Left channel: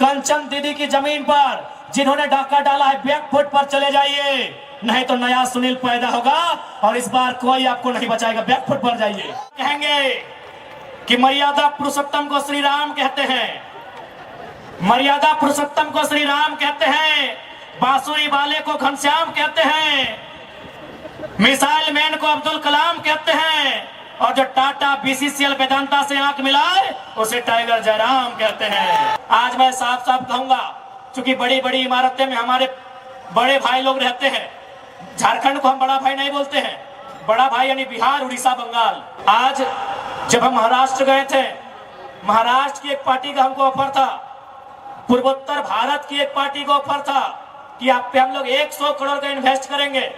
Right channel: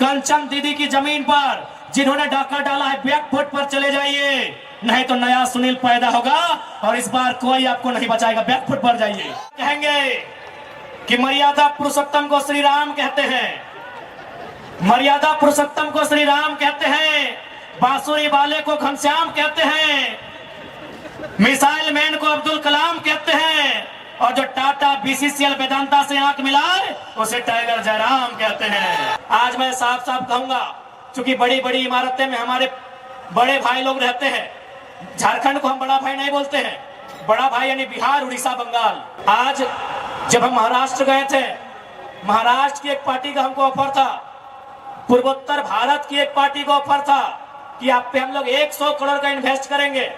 कंचन दीदी की जमीन पर जिन्होंने डाका डाला है, बैकफुट पर चले जाइए, नहीं तो नया सुनील पैदा होगा और इस बार कोई आपको नहीं बचाएगा। बैकफुट पर जाइए। कहेंगे कि मर्यादा पुरुषोत्तम को श्री राम कहते हैं, मर्यादा पुरुषोत्तम को श्री राम कहते हैं, बांसुरी वाले को घनश्याम कहते हैं, मिसाइल मैन को अब्दुल कलाम कहते हैं, और जो टाटा बीसीसीएल वेदांता से आंख मिलाए उसे टाइगर जयराम कहते हैं। आज मैं साफ साफ कहूंगा, क्योंकि बड़ी बड़ी इमारतें में हमारे बड़े भाई लोग रहते हैं, झारखंड को हम बड़ा भाई नहीं बोलते हैं, बड़ा भाई यानी बिहार, उड़ीसा, बंगाल। आज जब हम महाराष्ट्र गए थे, महाराष्ट्र की एक पार्टी का हमको ऑफर था, पूर्वोत्तर भारत की एक पार्टी को ऑफर था कि आप पे हम लोग 100 करोड़ का इन्वेस्ट करेंगे,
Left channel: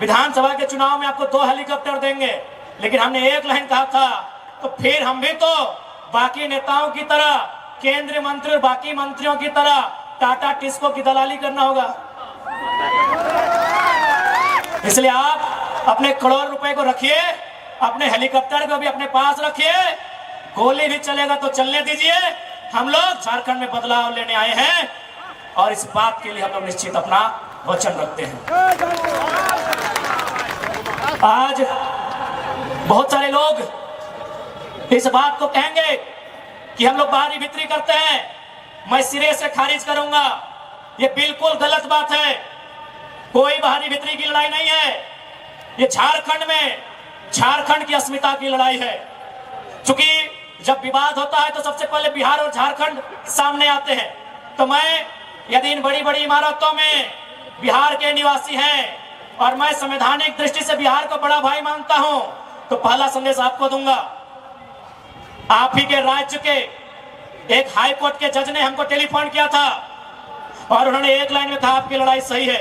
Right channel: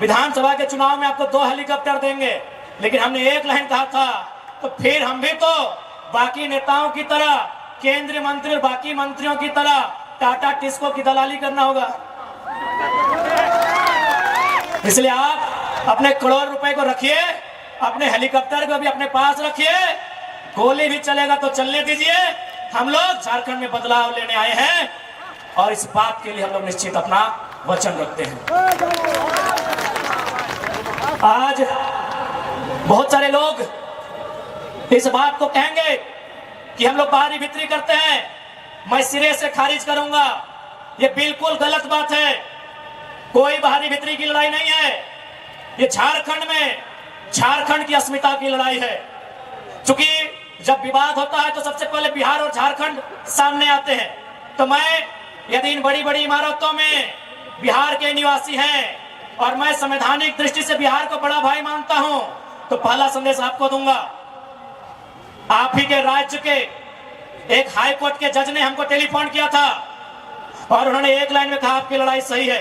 विधानसभा के चुनाव में आपको 2 हेलीकॉप्टर देंगे। लेकिन हमने एक लाइन कहा था, तो फिर हम भी तो बाकी नेताओं की तरह, केंद्रीय मंत्री और बाकी मंत्रियों की तरह टाटा टिस्को की दलाली करना होगा। इसलिए आप अपने करोड़ रुपए को रखिए, अपने हेलीकॉप्टर को भी अपने पास रखिए, गोली भी चलेगा तो चलने दीजिए। हम लोग झारखंड में बदलाव लेने आए हैं और इस बात के लिए हम लोग निश्चित अपना वचन रखते हैं। आज बहुत सारे लोग इस बात को कहेंगे कि हम लोग बाहरी भीतरी करते हैं, मैं सिरे से खारिज करूंगा। ये बिल्कुल गलत बात है। कोई बाहरी भीतरी की लड़ाई नहीं है, ये झारखंड में झारखंड की अस्मिता की लड़ाई है। क्योंकि जब विवाद होता है तो सबसे पहले बिहार और झारखंड सामने आते हैं। तो मैं, यदि इन बड़ी बड़ी इमारतों में बिहार के निवासी हैं और मैं संवैधानिक दृष्टि से बिहार को बड़ा भाई मानता हूं, तो पहला संदेश आपको दूंगा। आप ही के राज्य के एक हाई कोर्ट के जज ने हमको टेलीफोन किया था और उन्होंने एक लाइन में कहा, आपकी लड़ाई सही है।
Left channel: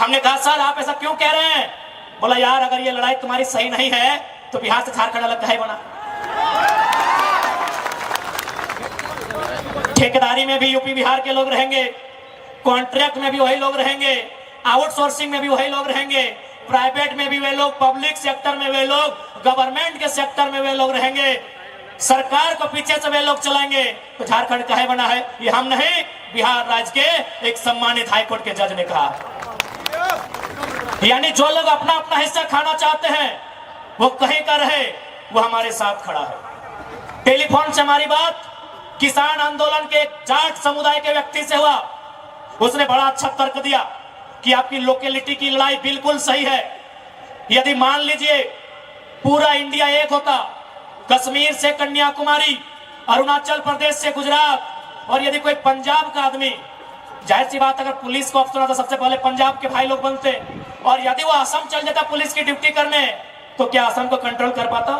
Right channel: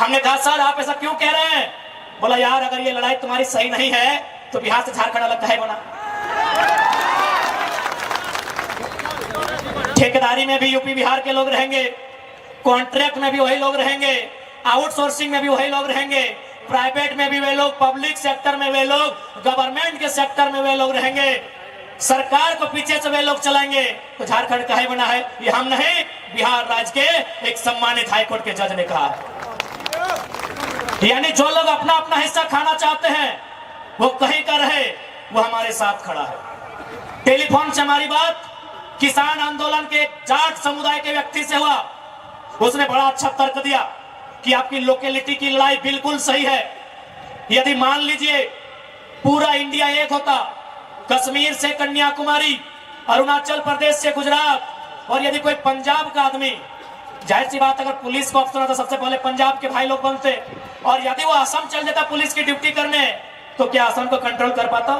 हमने कहा, सर आप ऐसा क्यों कह रहे हैं? बोला, यार अगर ये लड़ाई तुम्हारी सही नहीं है तो बिहार से झारखंड अलग काहे बना? ठेकेदारी में भी यूपी बिहार के लोग रहेंगे, कॉन्ट्रैक्ट में भी वही लोग रहेंगे, आउटसोर्सिंग में भी वही लोग रहेंगे, प्राइवेट में भी वे लोग, पब्लिक सेक्टर में वे लोग, गवर्नमेंट के सेक्टर में वे लोग रहेंगे, सरकार को पीछे से वे लोग चलाएंगे। तो झारखंड काहे बना है? ये हम नहीं, बिहार राज्य के एक सम्मानित हाईकोर्ट के जज ने कहा। यानी जो लोग अपना अपना हिस्सा खाना चाहते हैं वो कहीं का रहे, वो हमारे साथ खड़ा है। टेलीफोन से हमारी बात किसान आंदोलन के जाट समुदाय के व्यक्ति से हुआ। उसने बड़ा अच्छा तर्क दिया कि आपकी लोकेलिटी की लड़ाई बिल्कुल सही है। यदि मान लीजिए पूरा इंडिया एक होता, कश्मीर से कन्याकुमारी, अरुणाचल प्रदेश से गुजरात, और यदि कोई पंजाब का आदमी, जाहिर सी बात अगर पुलिस को ऑप्शन होता सबसे पहले पंजाब के भाई लोग बनते, और यदि वो असम चल जाता पुलिस की ड्यूटी करने, तो क्या असम को कंट्रोल कर पाता?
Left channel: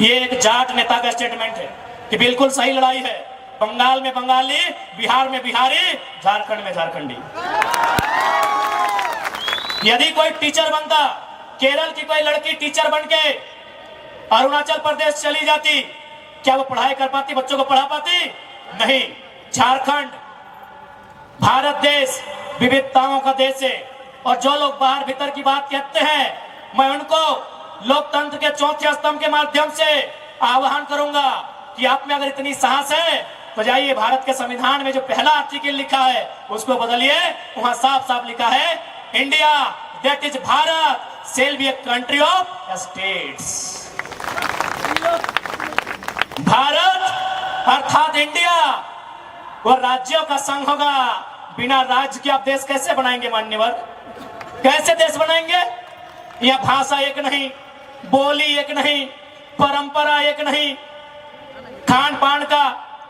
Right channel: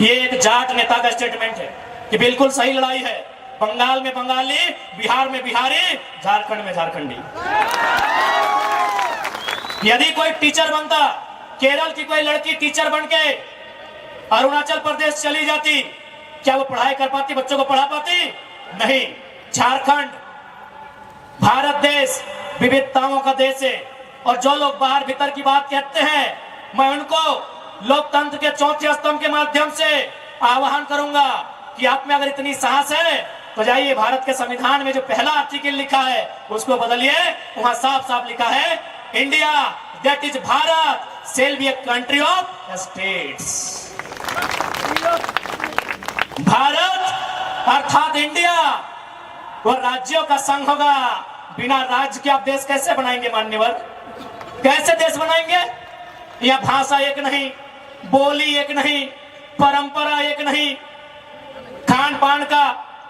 ये एक जाट नेता का स्टेटमेंट है कि बिल्कुल सही लड़ाई है। बंगाल में बंगाली, बिहार में बिहारी, झारखंड में झारखंडी। यदि कोई टीचर बनता, केरल की कोई लड़की टीचर बनके अरुणाचल प्रदेश चली जाती, क्या वो पढ़ाई कर पाती, बच्चों को पढ़ा पाती? नहीं। झारखंड भारत देश विविधताओं का देश है, और जो लोग बाहर भीतर की बात कहते हैं, मैं उनको लोकतंत्र के चौथे स्तंभ के माध्यम से आह्वान करूंगा कि आप में अगर इतनी साहस है तो जाइए, भारत के संविधान में जो पहला आर्टिकल लिखा है उसको बदलिए। वहां साफ साफ लिखा है, India that is Bharat shall be a country of states. Bharat अर्थात इंडिया वो राज्यों का संघ होगा। बिना राज्य के आप देश कैसे बनाएंगे? मान्यवर, कैसे देश बनाएंगे? यह भाषा एक नहीं, बोली एक नहीं, परंपरा एक नहीं, खान पान का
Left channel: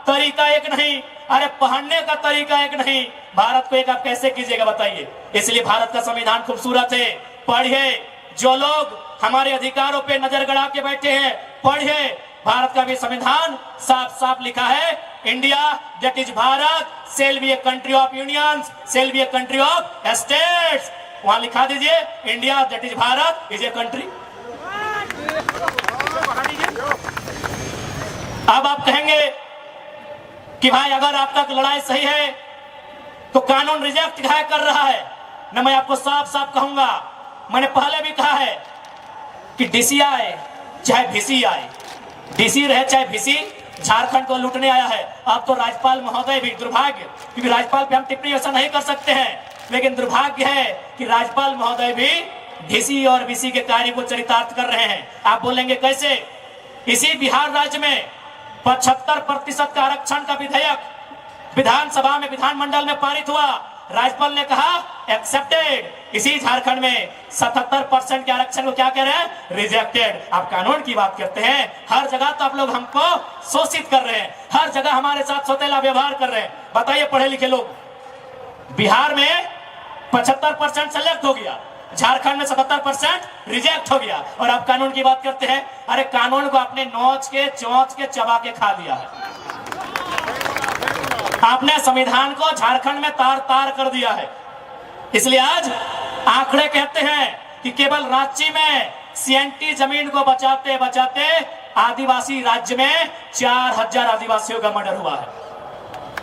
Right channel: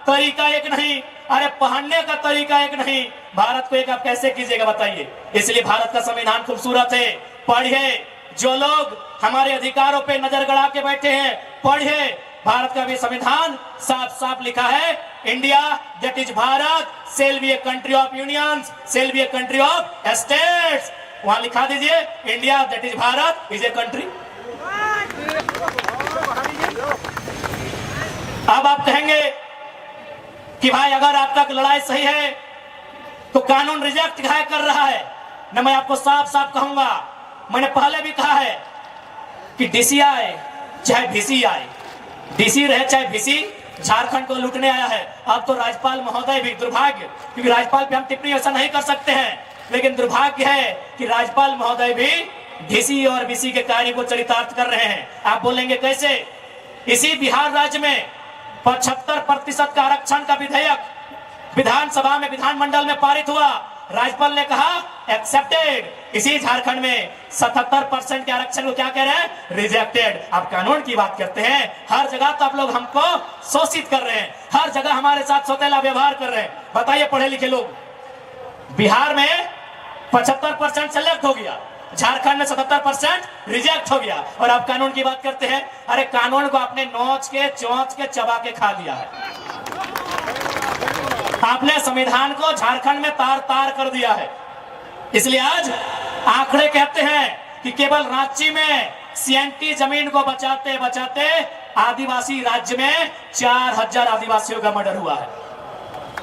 तरीका एक नहीं, अरे पहनने का तरीका एक नहीं। भारत को एक आप कैसे कीजिएगा बताइए? इसलिए भारत का संविधान खूबसूरत है, पढ़िए। जो लोग हमारे अधिकारों पे नजर गड़ा के बैठे हैं, पढ़िए। भारत का भी संविधान साफ साफ लिखा है, India that is Bharat shall be a country of unions, shall be a country of states. वहां लिखा दीजिए, India that is Bharat is a country. अब आप कहेंगे कि भाई अगर आपका लड़ाई सही है तो कानून रिजेक्ट कर रहा है न। मैं आपको साफ साफ कहूंगा, मैंने पहले भी कहा है कि डीसी आए चाहे वीसी आए, डीसी रहे चाहे वीसी, झारखंड को लूटने आया है। अब तो राज्यपाल महोदय भी, दुर्भाग्य, क्योंकि राज्यपाल पे हम टिप्पणी ऐसा नहीं कर सकते हैं, लेकिन दुर्भाग्य है कि राज्यपाल महोदय भी डीसी और बीसी के कार्य को चरितार्थ कर रहे हैं। आप बोलेंगे कैसे? इसी बिहार राज्य में 75% का आरक्षण का विधेयक विधानसभा में, विधानमंडल में पारित हुआ। राज्यपाल ने कहा एक्सेप्टेड। इसी झारखंड में 77% के आरक्षण को क्या कह रहे हैं? रिजेक्टेड। आप कानून की बात करते हैं, हर जगह तो आप लोग हमको शोषित कर रहे हैं, हर जगह हमारे साथ सौतेला व्यवहार कर रहे हैं। बताइए पढ़े लिखे लोग, बिहार में 75% सेलेक्ट हो गया, झारखंड में 77% रिजेक्ट हो गया, और आप कानून की बात करते हैं। अरे कानून को आपने नोच के, चोंच के, चबा के खा लिया है। आपने संविधान को झारखंड में तार तार कर दिया है। इसलिए आज आंकड़े कहते हैं कि केवल रांची में सीएनटी जमीन को बचाते बचाते आदिवासी राज्य में 4000 आदिवासियों का मर्डर हुआ है।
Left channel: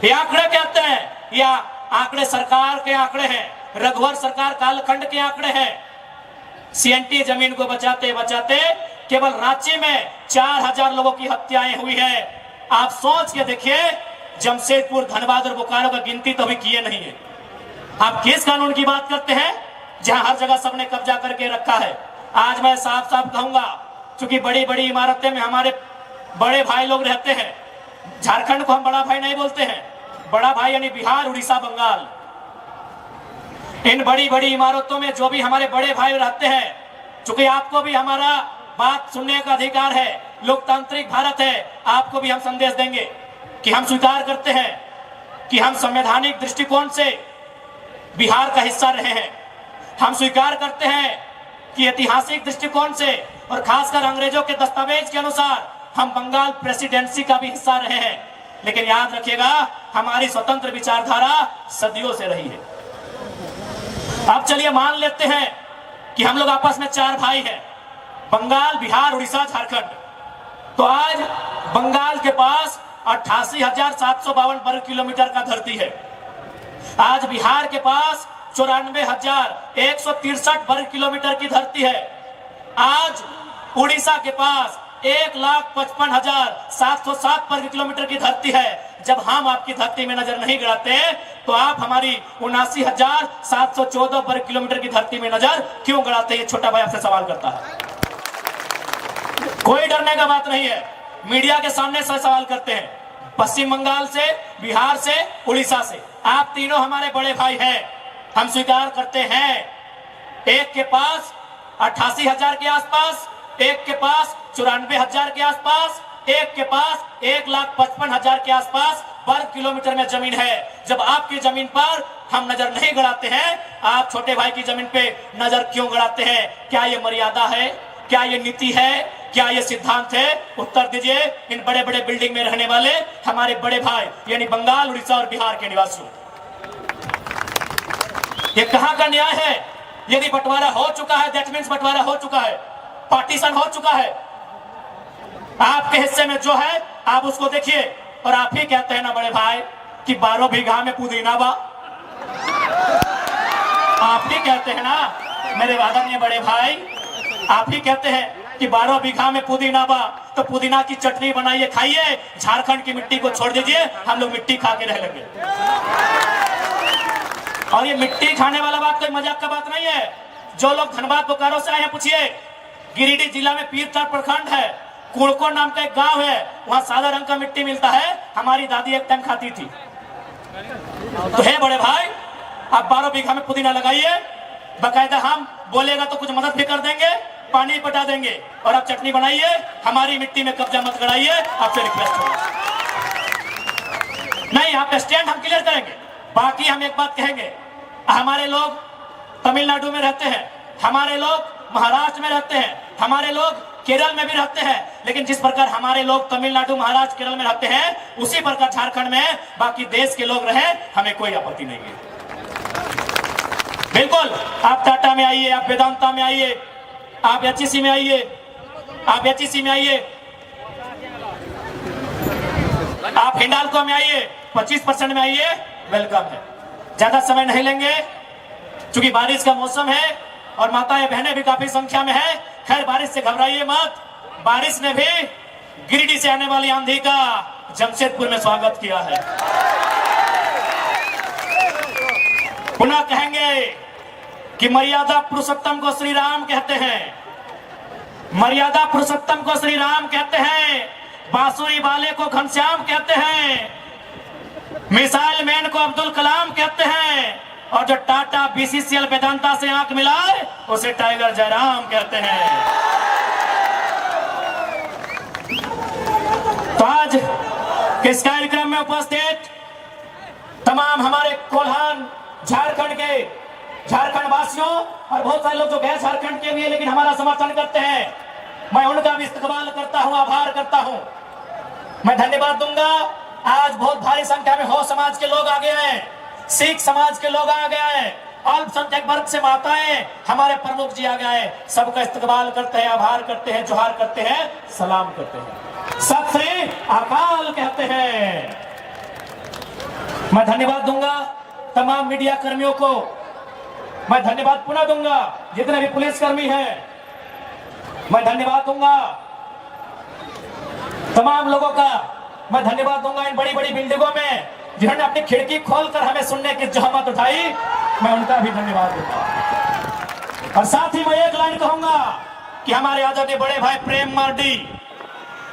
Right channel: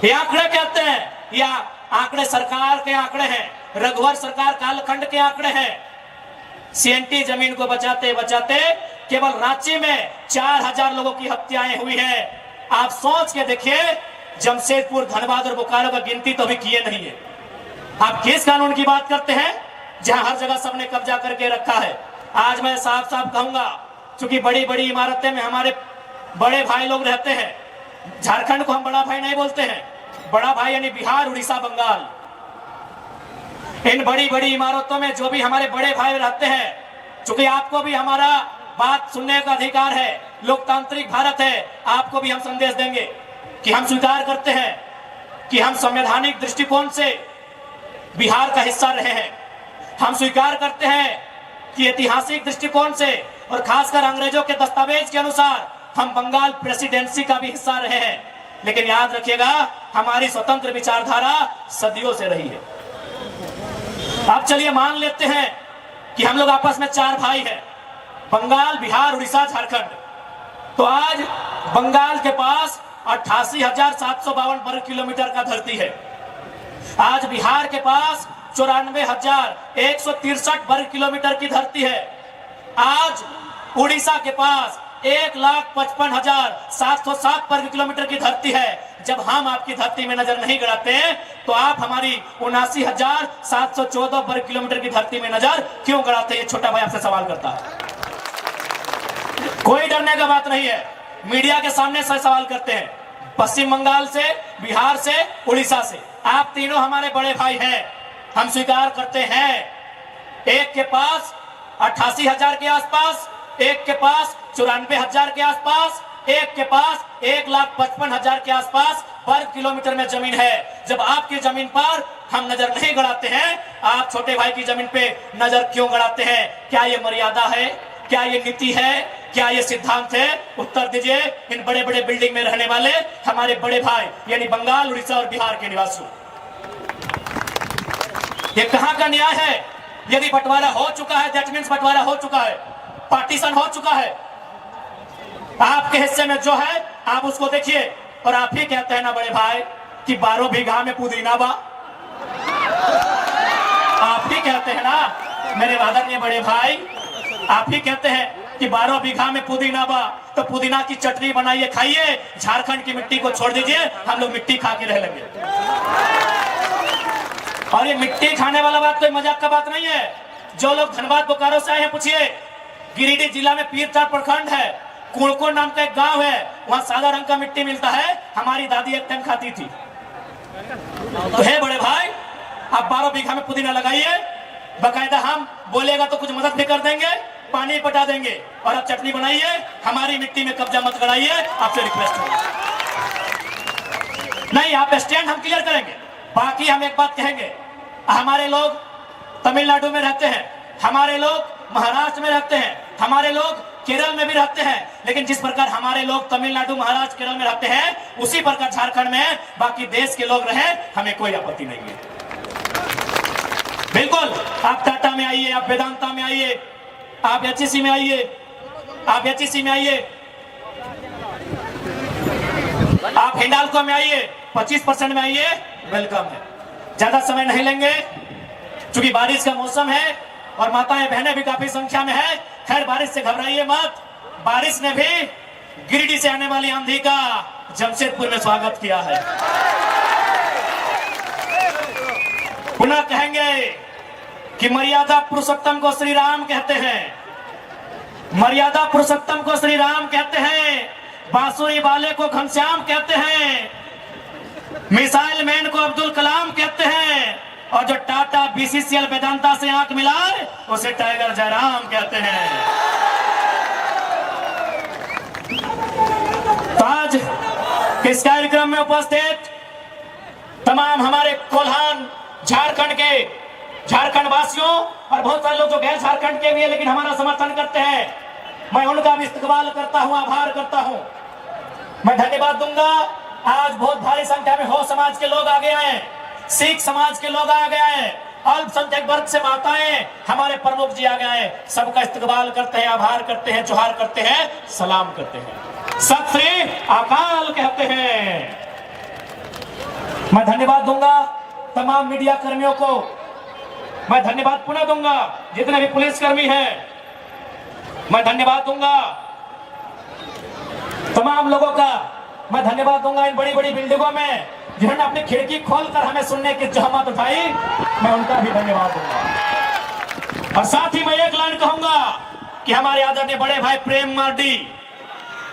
ये आंकड़े कहते हैं, या आंकड़े सरकार के आंकड़े हैं, रघुवर सरकार कालखंड के आंकड़े हैं। सीएनटी जमीन को बचाते बचाते केवल रांची में 4000 लोगों की हत्याएं हुई है। आप सोच के देखिए, जमशेदपुर, धनबाद और बोकारो की गिनती तो अभी किए नहीं है। आप किस कानून की बात करते हैं जहां हर जगह सबने कब्जा करके रखा है? आज मैं साफ साफ कहूंगा, क्योंकि बड़ी बड़ी इमारतें में हमारे बड़े भाई लोग रहते हैं। झारखंड को हम बड़ा भाई नहीं बोलते हैं, बड़ा भाई यानी बिहार, उड़ीसा, बंगाल। इन बड़ी बड़ी इमारतों में जो भी हमारे बड़े भाई रहते हैं, चूंकि आपको भी हमारा बात सुनने का अधिकार है, लोकतांत्रिक भारत है, आपको भी हम संदेश देंगे कि हम स्वीकार करते हैं कि हम संवैधानिक दृष्टिकोण से बिहार का हिस्सा रहे हैं। हम स्वीकार करते हैं कि ऐतिहासिक दृष्टिकोण से और खासकर अंग्रेजों के दस्तावेज के अनुसार हम बंगाल प्रेसिडेंसी का भी हिस्सा रहे हैं। लेकिन याद रखिएगा, हमारी स्वतंत्र विचारधारा सदियों से रही है। अब चलिए मान लेते हैं कि हम लोग आपस में 4 भाई हैं, बंगाल, बिहार, उड़ीसा, झारखंड। तो आज बंगाल के पास 88,752 वर्ग किलोमीटर का धरती है। आज बिहार के पास 94,163 वर्ग किलोमीटर की धरती है। आज उड़ीसा के पास 1,55,707 वर्ग किलोमीटर की धरती है। जब हम आपकी धरती में नजर नहीं गड़ाते तो आप हमारी 79,714 वर्ग किलोमीटर की धरती में नजर क्यों गड़ाते? ये छोटा भाई आपसे सवाल करता है। कोई डरने का बात नहीं है, मीडिया के सामने सवाल करते हैं। पश्चिम बंगाल से, बिहार से, उड़ीसा से, आप तीनों हमारे बड़े भाई हैं। हम स्वीकार करते हैं, एक के पास 88,000 के आसपास, एक के पास 94,000 के आसपास, एक के पास 1,55,000 के आसपास वर्ग किलोमीटर में जमीन है। जब आपकी जमीन पर हम नजर नहीं गड़ाते हैं, आप छोटे भाई की जमीन पे नजर क्यों गड़ाते हैं? क्या ये मर्यादा है? क्या ये नीति है? क्या ये सिद्धांत है? उत्तर दीजिए इन बड़े बड़े बिल्डिंग में रहने वाले हमारे बड़े भाई, यानी बंगाल, उड़ीसा और बिहार के निवासियों। ये कहां का न्याय है? यदि बंटवारा हो चुका है, दैट मीन्स बंटवारा हो चुका है, पार्टीशन हो चुका है। आपके हिस्से में जो है आप उसको देखिए। और आप ही कहते हैं ना बड़े भाई कि 12 बीघा में पुदीना बा। आप ही कहते हैं ना मेरे आदरणीय बड़े भाई, आप ही कहते हैं कि 12 बीघा में पुदीना बा, तो पुदीना की चटनी बनाइए, खाइए। झारखंड की मिट्टी को छोड़ दीजिए, हम लोग मिट्टी खा के रह लेंगे। और ये मिट्टी खाने वाला बात कोई मजाक का बात नहीं है। जो लोग धनबाद, बोकारो से आए हैं, पूछिए। गिरिडीह जिला में पीरटाट प्रखंड है, कुड़को नाम का एक गांव है, वहां सादा रंग का मिट्टी मिलता है। हमारी दादी एक टाइम खाती थी। तो है बड़े भाई, आप 12 बीघा में पुदीना लगाइए, बाकायदा हम बोलेगा तो कुछ मदद भी कर देंगे, पानी पटा देंगे, और आप चटनी बनाइए। हमारी मिट्टी में कब्जा मत कराइए, आपसे रिक्वेस्ट होगा। नहीं, आप स्टैंड हम क्लियर करेंगे। बाकी हम एक बात कहेंगे, हमारे लोग तमिलनाडु में रहते हैं, हमारे लोग महाराष्ट्र में रहते हैं, हमारे लोग केरल में भी रहते हैं, लेकिन जिस प्रकार हमारे लोग तमिलनाडु, महाराष्ट्र, केरल में रहते हैं, उसी प्रकार झारखंड में बाकी देश के लोग रहे, हमें कोई आपत्ति नहीं है। बिल्कुल, आप टाटा में आइए, आप वेदांता में आइए, आप एचईसी में आइए, आप एचईसी में आइए, आप हिंडाल्को में आइए, 25% में आइए, वेलकम है। ज्यादा समय नहीं लेंगे क्योंकि बारिश का मौसम है और माताएं बहनें भी काफी संख्या में है। खैर, बारिश से घबराइए मत, बारिश ने भी गिरिडीह से आने वाली आंधी का जमशेदपुर में स्वागत किया है। पुनः कहेंगे कि मर्यादा पुरुषोत्तम को श्री राम कहते हैं, मर्यादा पुरुषोत्तम को श्री राम कहते हैं, बांसुरी वाले को घनश्याम कहते हैं, मिसाइल मैन को अब्दुल कलाम कहते हैं, और जो टाटा बीसीसीएल वेदांता से आंख मिलाए उसे टाइगर जयराम कहते हैं। तो आज इस कार्यक्रम में उपस्थित तमाम हमारे कोल्हान झारखंड वासियों और बहुत सारे लोग जो गैर झारखंड के भी है लेकिन हमारा समर्थन करते हैं, मैं उनका भी इस्तकबाल करता हूं, आभार करता हूं। मैं धन्यवाद दूंगा। आज बहुत भारी संख्या में हो समाज के लोग आ गए हैं, सिख समाज के लोग आ गए हैं, अल्पसंख्यक वर्ग से माताएं, हमारे प्रमुख जी आ गए हैं। सबका इस्तकबाल करते हैं, आभार करते हैं, जोहार करते हैं, सलाम करते हैं, सत श्री अकाल कहते हैं। मैं धन्यवाद दूंगा तमाम मीडिया कर्मियों को, मैं धन्यवाद पुनः दूंगा जितने भी पुलिसकर्मी हैं, मैं धन्यवाद दूंगा तमाम लोगों का, मैं धन्यवाद दूंगा इन बड़ी बड़ी बिल्डिंगों में जिन्होंने अपनी खिड़की खोलकर हमें सुनने की जहमत उठाई, मैं उनका भी धन्यवाद दूंगा। और साथ ही मैं एक लाइन कहूंगा कि हमारे आदरणीय बड़े भाई प्रेम मार्डी,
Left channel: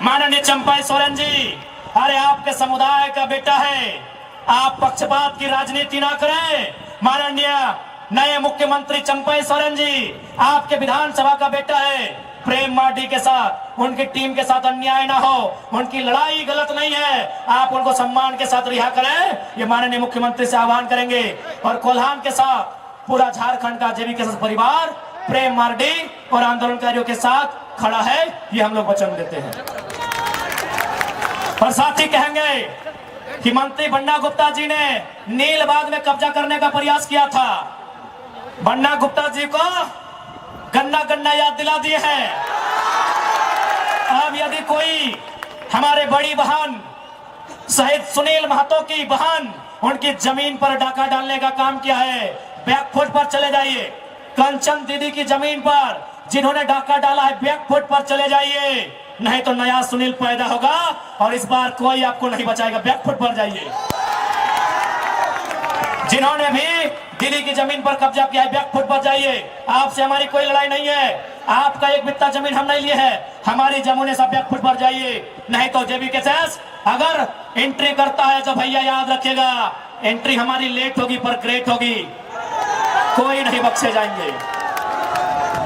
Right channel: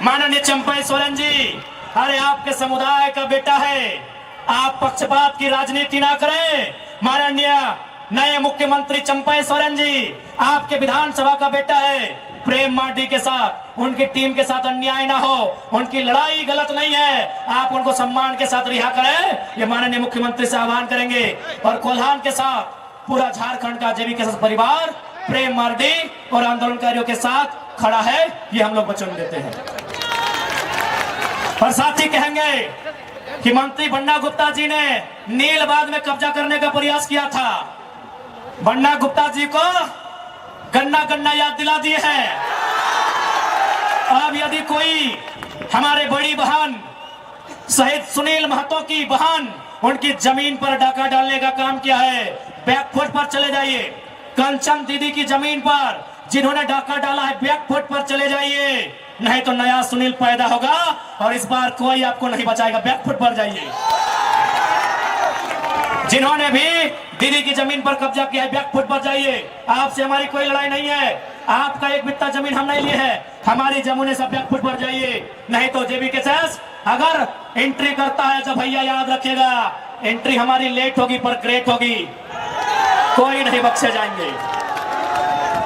माननीय चंपाई सोरेन जी, अरे आपके समुदाय का बेटा है, आप पक्षपात की राजनीति ना करें। माननीय नए मुख्यमंत्री चंपाई सोरेन जी, आपके विधानसभा का बेटा है, प्रेम मार्डी के साथ, उनकी टीम के साथ अन्याय ना हो, उनकी लड़ाई गलत नहीं है, आप उनको सम्मान के साथ रिहा करें, ये माननीय मुख्यमंत्री से आह्वान करेंगे। और कोल्हान के साथ पूरा झारखंड का जेबी परिवार प्रेम मार्डी और आंदोलनकारियों के साथ खड़ा है, ये हम लोग वचन देते हैं। और साथ ही कहेंगे कि मंत्री बन्ना गुप्ता जी ने नीलबाग में कब्जा करने का प्रयास किया था। बन्ना गुप्ता जी को गन्ना याद दिला दिए हैं। अब यदि कोई हमारे बड़ी बहन शहीद सुनील महतो की बहन, उनकी जमीन पर डाका डालने का काम किया है, बैकफुट पर चले जाइए। कंचन दीदी की जमीन पर जिन्होंने डाका डाला है, बैकफुट पर चले जाइए, नहीं तो नया सुनील पैदा होगा और इस बार कोई आपको नहीं बचाएगा। बैकफुट पर जाइए। जिन्होंने भी दीदी की जमीन पर कब्जा किया है, बैकफुट पर जाइए। आपसे हमारी कोई लड़ाई नहीं है, आपका एक बित्ता जमीन हम नहीं लिए है, हमारी जमीन सब बैकफुट पर जाइए। नहीं तो जेबी केसेस अगर एंट्री करता है तो भैया याद रखिएगा, एंट्री हमारी लेट होगी पर ग्रेट होगी, कोई नहीं बख्शे जाएंगे।